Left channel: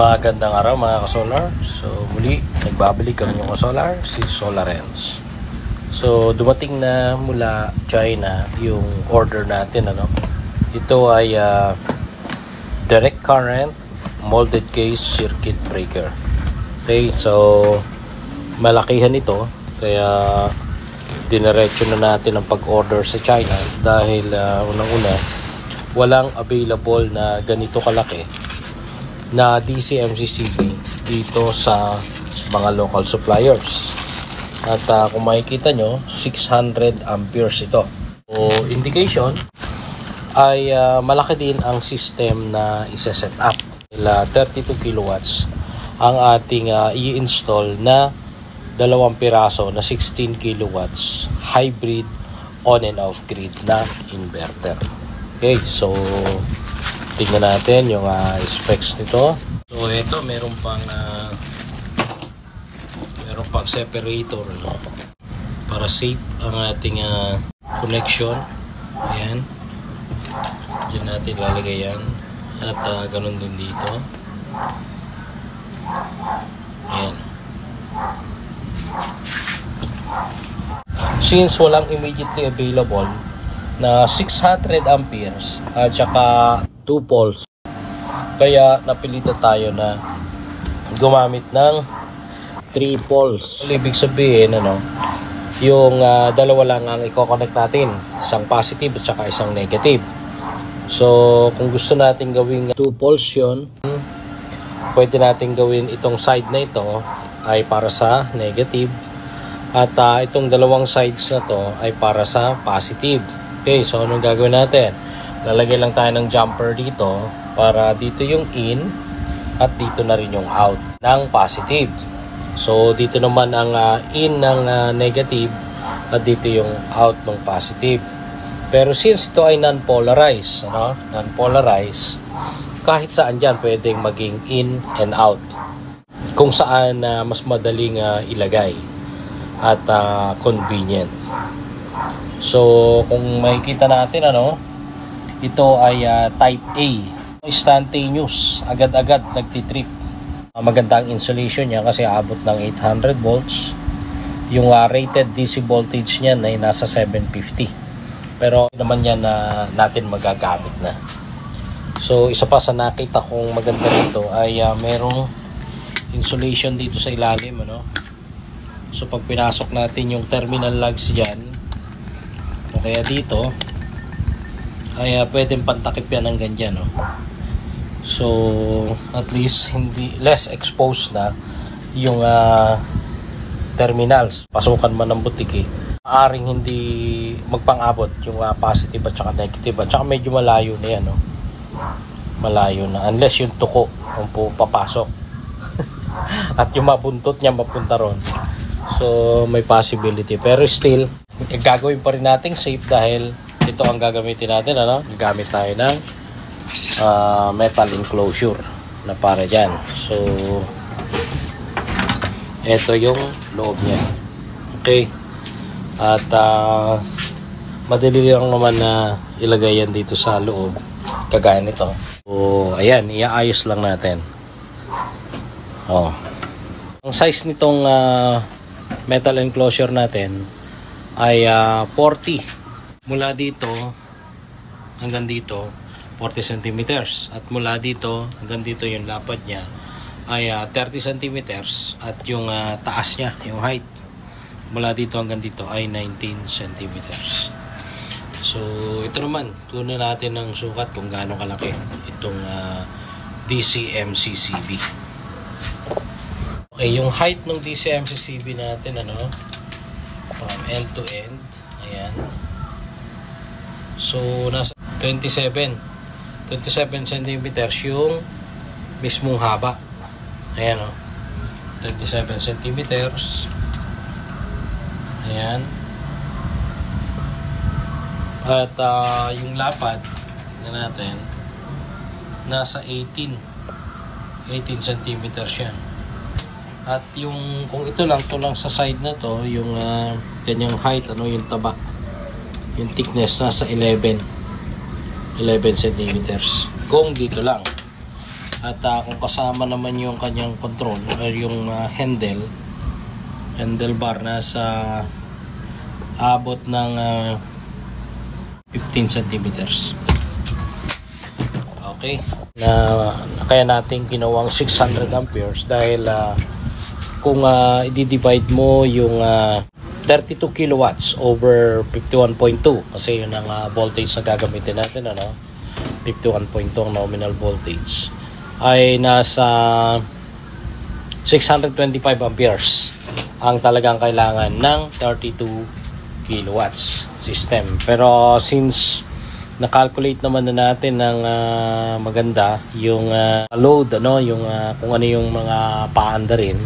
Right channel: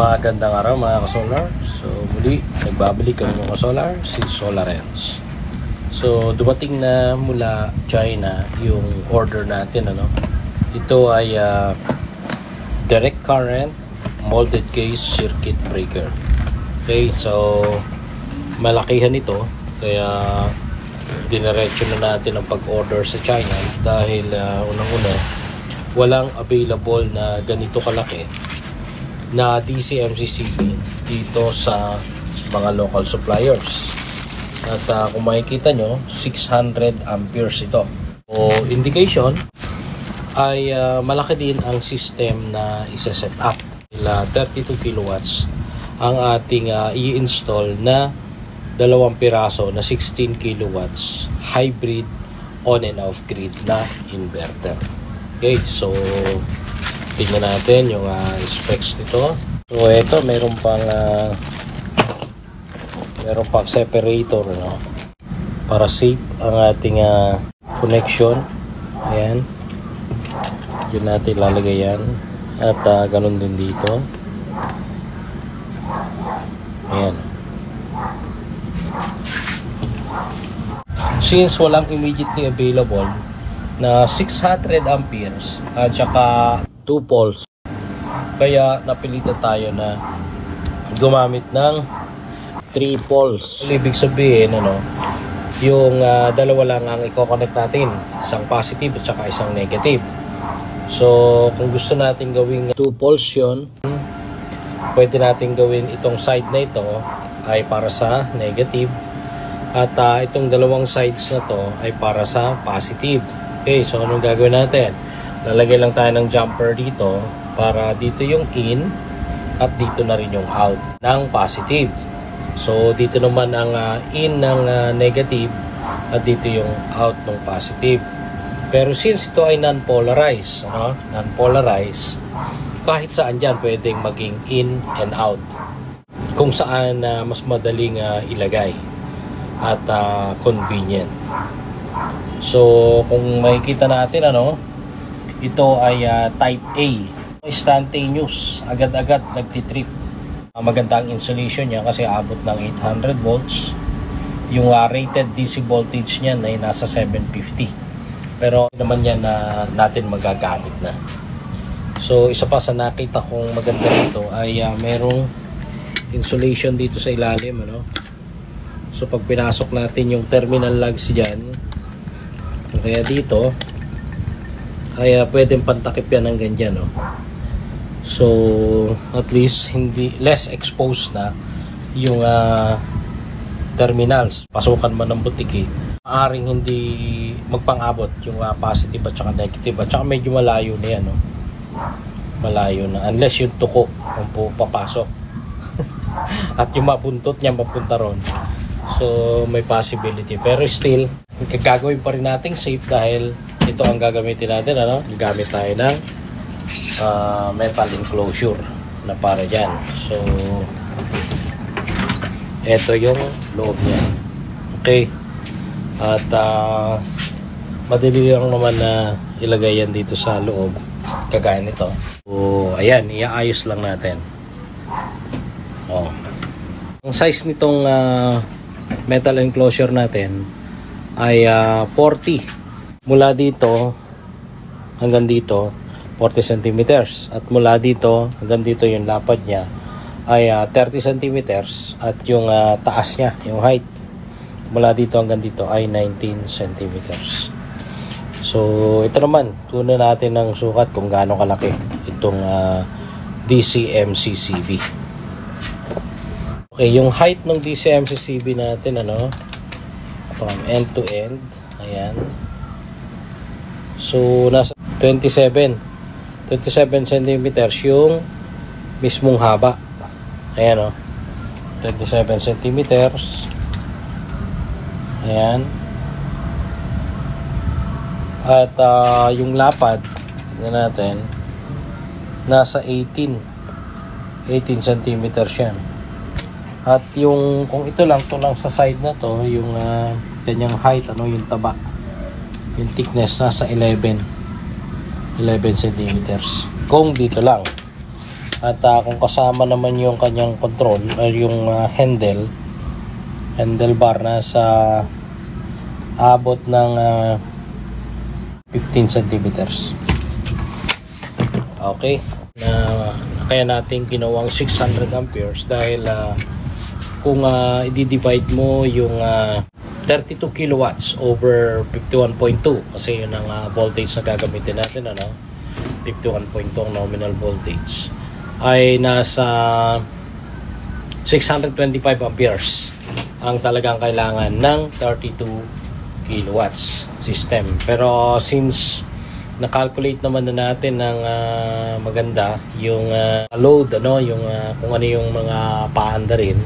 Magandang araw mga ka-solar. So muli, nagbabalik ang inyong ka-solar, si Solarens. So dumating na mula China yung order natin. Ito ay direct current molded case circuit breaker. Okay, so malakihan ito. Kaya diniretso na natin ang pag-order sa China dahil unang-una walang available na ganito kalaki na DC-MCCB dito sa mga local suppliers. At kung makikita nyo, 600 amperes ito. So indication ay malaki din ang system na isa-set up. 32 kilowatts ang ating i-install na dalawang piraso na 16 kilowatts hybrid on and off grid na inverter. Okay, so tingnan natin yung specs nito. So ito meron pang separator para safe ang ating connection. Ayan. Diyan natin lalagay yan. At ganun din dito. Ayan. Since walang immediately available na 600 amperes at saka 2 poles, kaya napilitan tayo na gumamit ng 3 poles. Ibig sabihin yung dalawa lang ang i-connect natin, isang positive at saka isang negative. So kung gusto natin gawing 2 poles yun, pwede natin gawin itong side na ito ay para sa negative at itong dalawang sides na to ay para sa positive. Okay, so anong gagawin natin? Lalagay lang tayo ng jumper dito para dito yung in at dito na rin yung out ng positive. So dito naman ang in ng negative at dito yung out ng positive. Pero since ito ay non-polarized, non-polarized, kahit saan dyan pwedeng maging in and out. Kung saan mas madaling ilagay at convenient. So kung makikita natin ito ay type A, instantaneous, agad-agad nagtitrip. Magandang insulation niya kasi abot ng 800 volts. Yung rated DC voltage niyan ay nasa 750. Pero naman yan na natin magagamit na. So isa pa sa nakita kong maganda nito ay merong insulation dito sa ilalim. So pag pinasok natin yung terminal lugs dyan, kaya dito ay pwedeng pantakip yan ng ganyan. So at least less exposed na yung terminals. Pasukan man ng butiki, maaring hindi magpang-abot yung positive at saka negative. At saka medyo malayo na yan. Malayo na unless yung tuko ang papasok at yung mabuntot niya mapunta ron. So may possibility, pero still gagawin pa rin nating safe dahil ito ang gagamitin natin. Gagamit tayo ng metal enclosure na para dyan. So ito yung loob niya. Okay, at madali lang naman na ilagay yan dito sa loob kagaya nito. So ayan, iaayos lang natin. Ang size nitong metal enclosure natin ay 40 mula dito hanggang dito, 40 centimeters, at mula dito hanggang dito yung lapad niya ay 30 centimeters, at yung taas niya, yung height mula dito hanggang dito ay 19 centimeters. So ito naman, tunan natin ng sukat kung gaano kalaki itong DC-MCCB. Okay, yung height ng DC-MCCB natin from end to end, ayan. So nasa 27 centimeters yung mismong haba. Ayan 27 centimeters. Ayan. At yung lapad natin nasa 18 centimeters yan. At yung kung ito lang sa side na to, yung kanyang height, yung taba, yung thickness nasa 11 centimeters. Kung dito lang At kung kasama naman yung kanyang control or yung handlebar na sa abot ng 15 centimeters. Okay, kaya natin ginawang 600 amperes dahil kung i-divide mo yung 32 kilowatts over 51.2 kasi yun ang voltage na gagamitin natin, 51.2 ang nominal voltage, ay nasa 625 amperes ang talagang kailangan ng 32 kilowatts system. Pero since na-calculate naman na natin ng maganda yung load, yung kung ano yung mga paanda rin,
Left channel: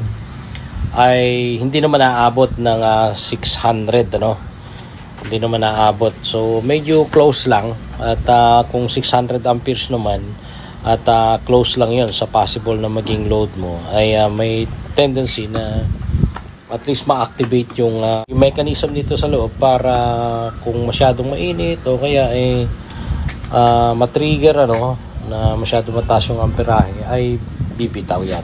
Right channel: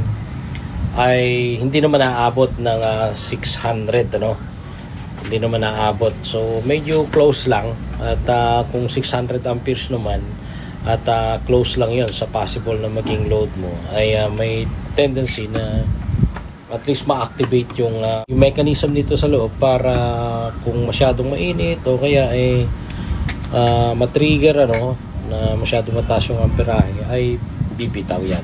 ay hindi naman naaabot ng 600, hindi naman naaabot. So medyo close lang, at kung 600 amperes naman at close lang yon sa possible na maging load mo, ay may tendency na at least ma-activate yung mechanism dito sa loob para kung masyadong mainit o kaya ay matrigger na masyadong mataas yung amperahe, ay bibitaw yan.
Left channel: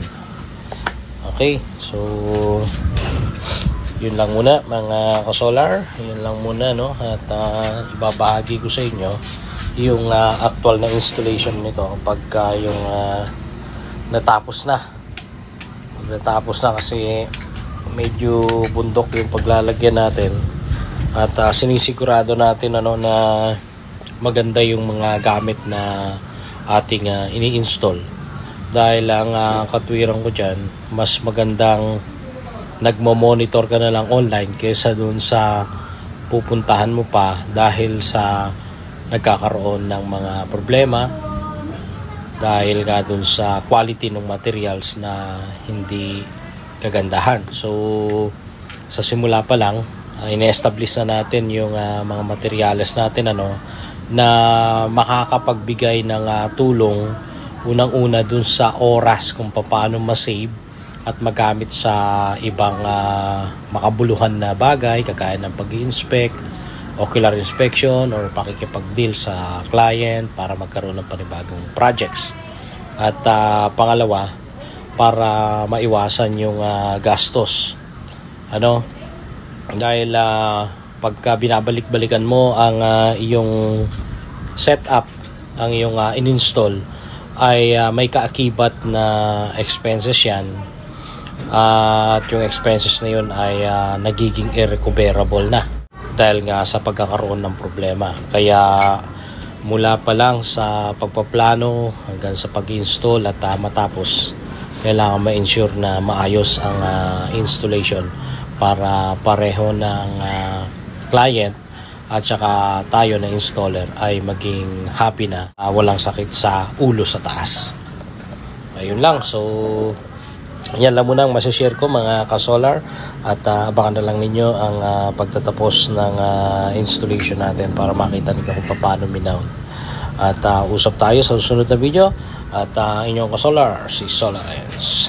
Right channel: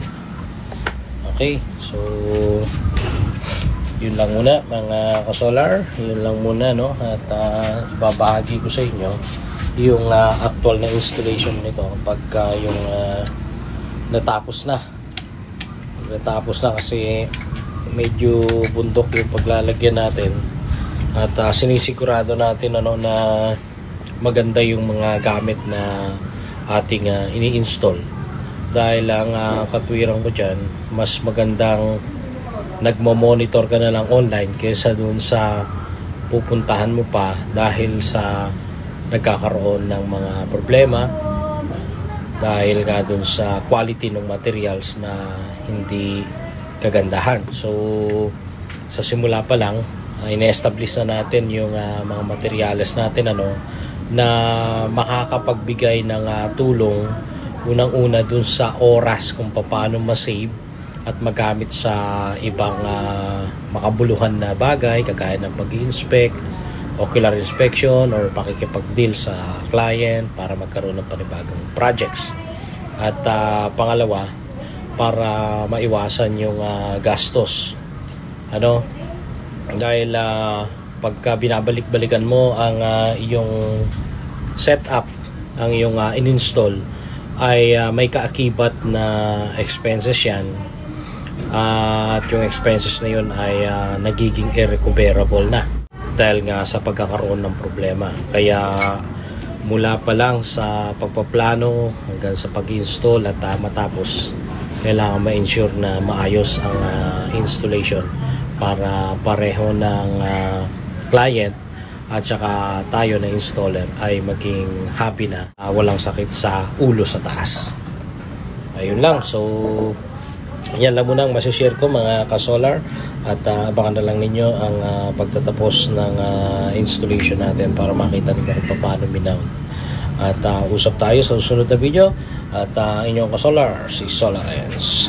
Okay, so yun lang muna mga ka-solar, yun lang muna, at ibabahagi ko sa inyo yung actual na installation nito pagka yung natapos na kasi medyo bundok yung paglalagyan natin, at sinisigurado natin na maganda yung mga gamit na ating ini-install, dahil ang katwiran ko dyan, mas magandang nagmo-monitor ka na lang online kaysa dun sa pupuntahan mo pa dahil sa nagkakaroon ng mga problema dahil nga dun sa quality ng materials na hindi kagandahan. So sa simula pa lang, ine-establish na natin yung mga materials natin na makakapagbigay ng tulong unang-una dun sa oras kung paano ma-save at magamit sa ibang makabuluhan na bagay kagaya ng pag-inspect, ocular inspection, or pakikipag-deal sa client para magkaroon ng panibagong projects. At pangalawa, para maiwasan yung gastos. Dahil pagka binabalik-balikan mo ang iyong setup, ang iyong in-install, ay may kaakibat na expenses yan, at yung expenses na yun ay nagiging irrecoverable na dahil nga sa pagkakaroon ng problema. Kaya mula pa lang sa pagpaplano hanggang sa pag-install at matapos, kailangan ma-ensure na maayos ang installation para pareho ng client at saka tayo na installer ay maging happy na, walang sakit sa ulo sa taas. Ayun lang. So yan lang muna ang masishare ko mga ka-solar, at abangan na lang ninyo ang pagtatapos ng installation natin para makita ninyo kung paano minaw. At usap tayo sa susunod na video, at inyong ka-solar, si Solar Ends.